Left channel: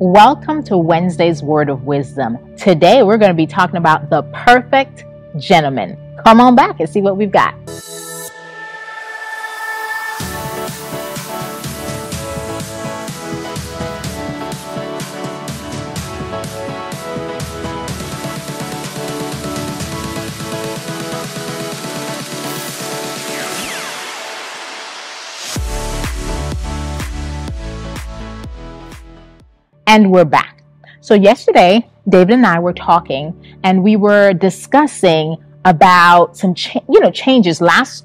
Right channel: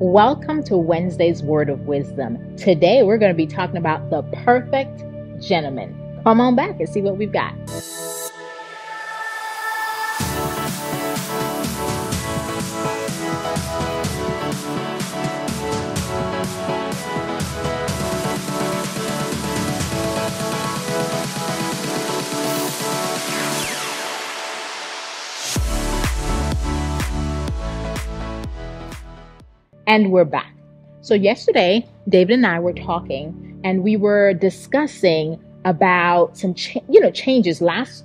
Welcome to Wednesday's Word of Wisdom. Today we're going to be talking about the perfect gentleman. Come on back and see what we've got. And we're back. So yesterday, David and I were talking, and we were discussing about some changes. Last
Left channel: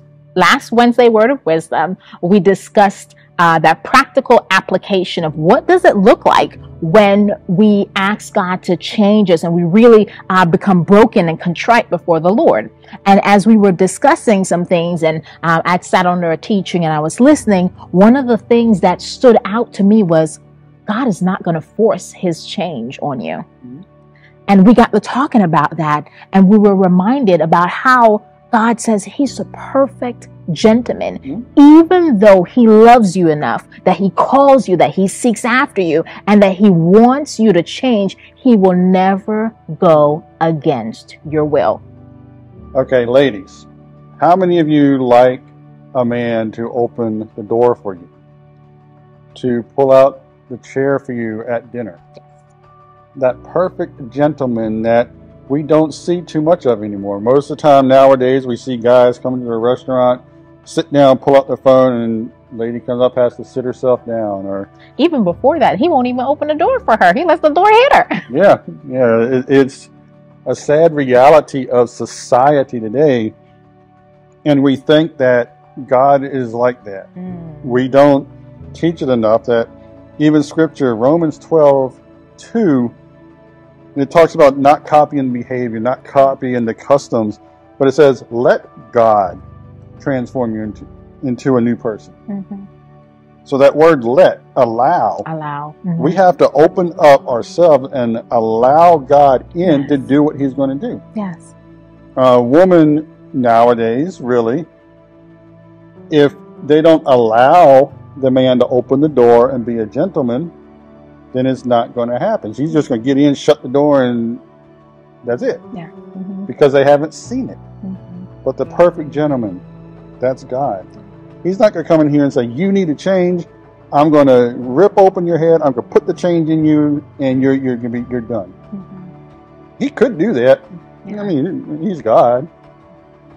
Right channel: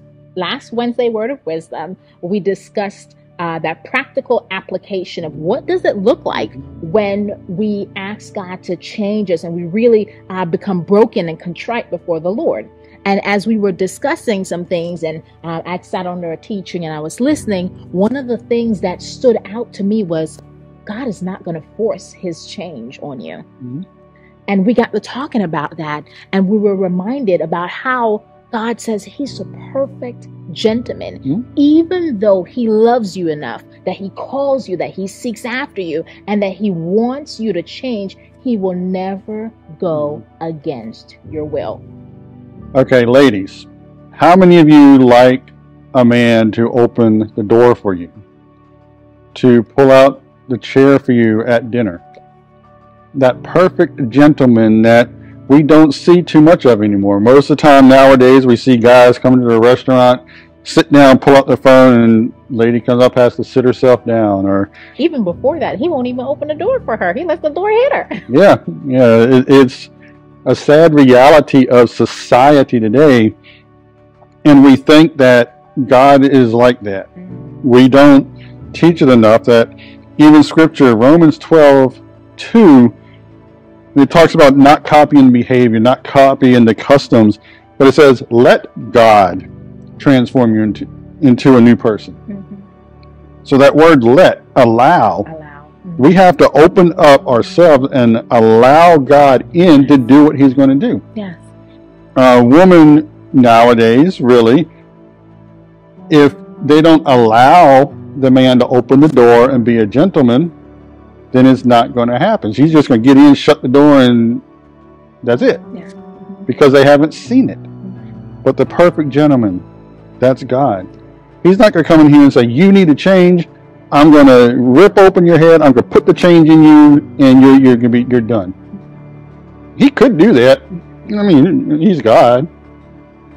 Wednesday, Word of Wisdom, we discussed that practical application of what does it look like when we ask God to change us and we really become broken and contrite before the Lord. And as we were discussing some things, and I sat under a teaching and I was listening, one of the things that stood out to me was God is not going to force his change on you. Mm-hmm. And we got to talking about that, and we were reminded about how God says he's a perfect gentleman. Mm-hmm. Even though he loves you enough, that he calls you, that he seeks after you, and that he wants you to change, he will never go against your will. Okay, ladies, how many of you like a man to open the door for you, to pull out the chair for you at dinner? That perfect gentleman that we don't see too much of anymore. Most of the time nowadays we see guys coming to the restaurant, sit down, pull out their phone, and lady comes up, has to sit herself down. Or even before that, he won't even open the door for her. He lets the door hit her. Yeah, it's a sad reality of society today, and we think that God is like that. We don't teach it enough that even scripture, Romans 12:2, it talks about not copying behavior, not copying the customs, but it says, let God transform you into a new person. Mm-hmm. So that word let, allow. Mm-hmm. We have to open up ourselves and allow God in to do what he's going to do. Yes. Women nowadays, really, if they don't allow the man to open the door and be a gentleman, then it's not going to happen. She's just going to get in, shut the door, and that's it. Yeah. Mm-hmm. Because they haven't seen it. Mm-hmm. But the perfect gentleman, that's God. He's not going to come in here and say, you need to change. I'm going to rip open your head. I'm going to put the change in you, and you're done. Mm-hmm. He could do that. I mean, he's God,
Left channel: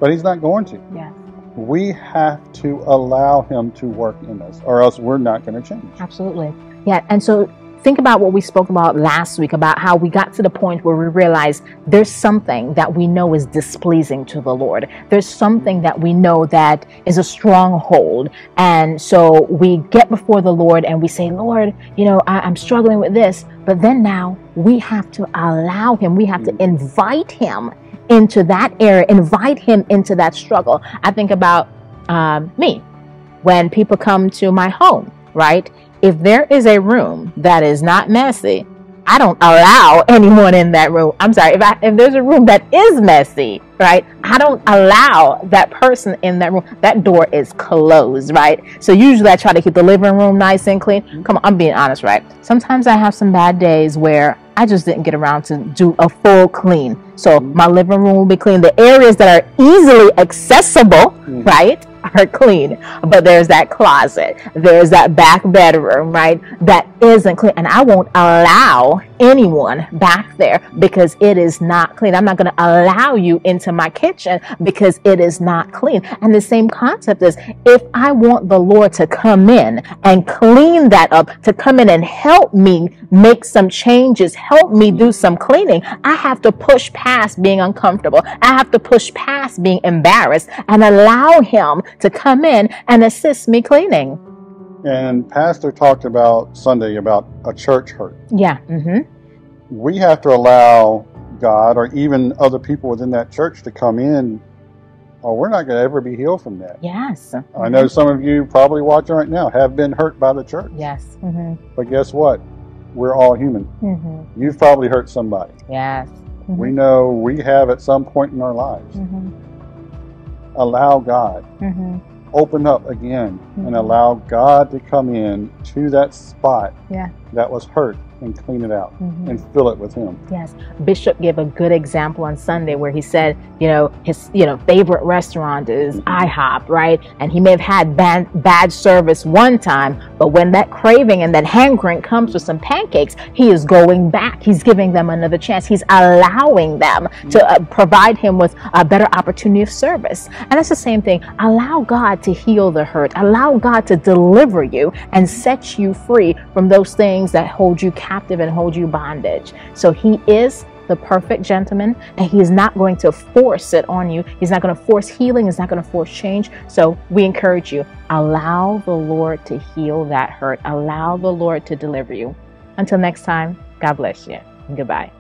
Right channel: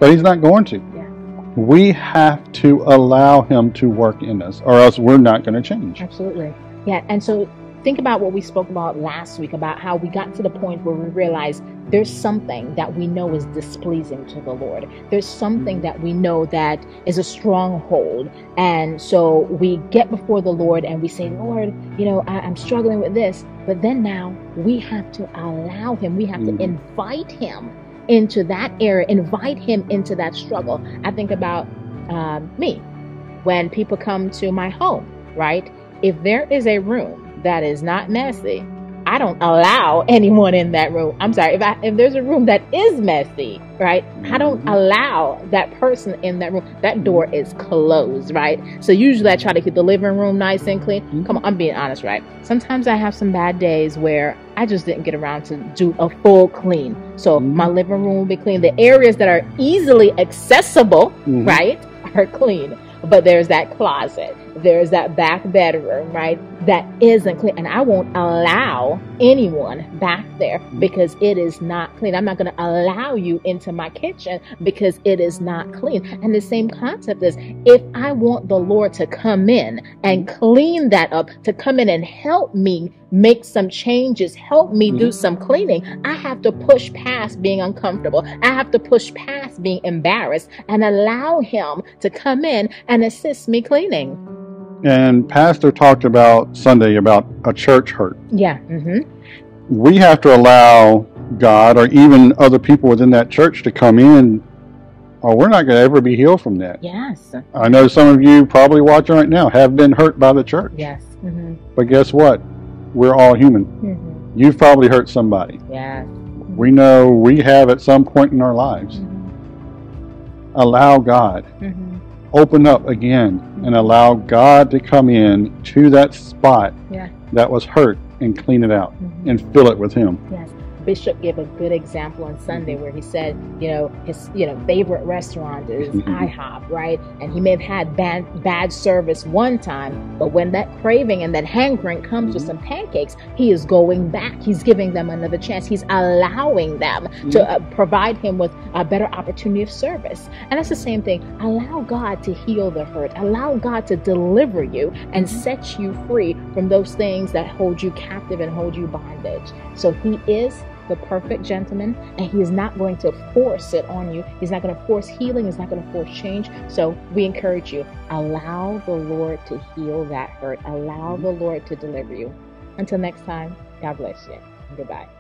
but he's not going to. Yeah. We have to allow him to work in us, or else we're not going to change. Absolutely. Yeah. And so think about what we spoke about last week, about how we got to the point where we realized there's something that we know is displeasing to the Lord. There's something that we know that is a stronghold. And so we get before the Lord and we say, Lord, I'm struggling with this. But then now we have to allow him. We have to invite him into that area, invite him into that struggle. I think about me, when people come to my home, right? If there is a room that is not messy, I don't allow anyone in that room. I'm sorry, if there's a room that is messy, right? I don't allow that person in that room. That door is closed, right? So usually I try to keep the living room nice and clean. Come on, I'm being honest, right? Sometimes I have some bad days where I just didn't get around to do a full clean. So my living room will be clean. The areas that are easily accessible, right, are clean. But there's that closet, there's that back bedroom, right, that isn't clean. And I won't allow anyone back there because it is not clean. I'm not going to allow you into my kitchen because it is not clean. And the same concept is, if I want the Lord to come in and clean that up, to come in and help me make some changes, help me do some cleaning, I have to push past being uncomfortable. I have to push past being embarrassed and allow him to come in and assist me cleaning. And Pastor talked about Sunday about a church hurt. Yeah. Mm-hmm. We have to allow God, or even other people within that church, to come in, or we're not going to ever be healed from that. Yes. I know some of you probably watching right now have been hurt by the church. Yes. Mm-hmm. But guess what? We're all human. Mm-hmm. You've probably hurt somebody. Yes. Mm-hmm. We know we have at some point in our lives. Mm-hmm. Allow God. Mm-hmm. Open up again and allow God to come in to that spot that was hurt and clean it out and fill it with Him. Yes. Bishop gave a good example on Sunday where he said, his favorite restaurant is IHOP, right? And he may have had bad service one time, but when that craving and that hankering comes with some pancakes, he is going back. He's giving them another chance. He's allowing them to provide him with a better opportunity of service. And it's the same thing. Allow God to heal the hurt. Allow God to deliver you and set you free from those things that hold you captive and hold you bondage. So He is the perfect gentleman, and He is not going to force it on you. He's not going to force healing. He's not going to force change. So we encourage you, allow the Lord to heal that hurt. Allow the Lord to deliver you. Until next time, God bless you. Goodbye.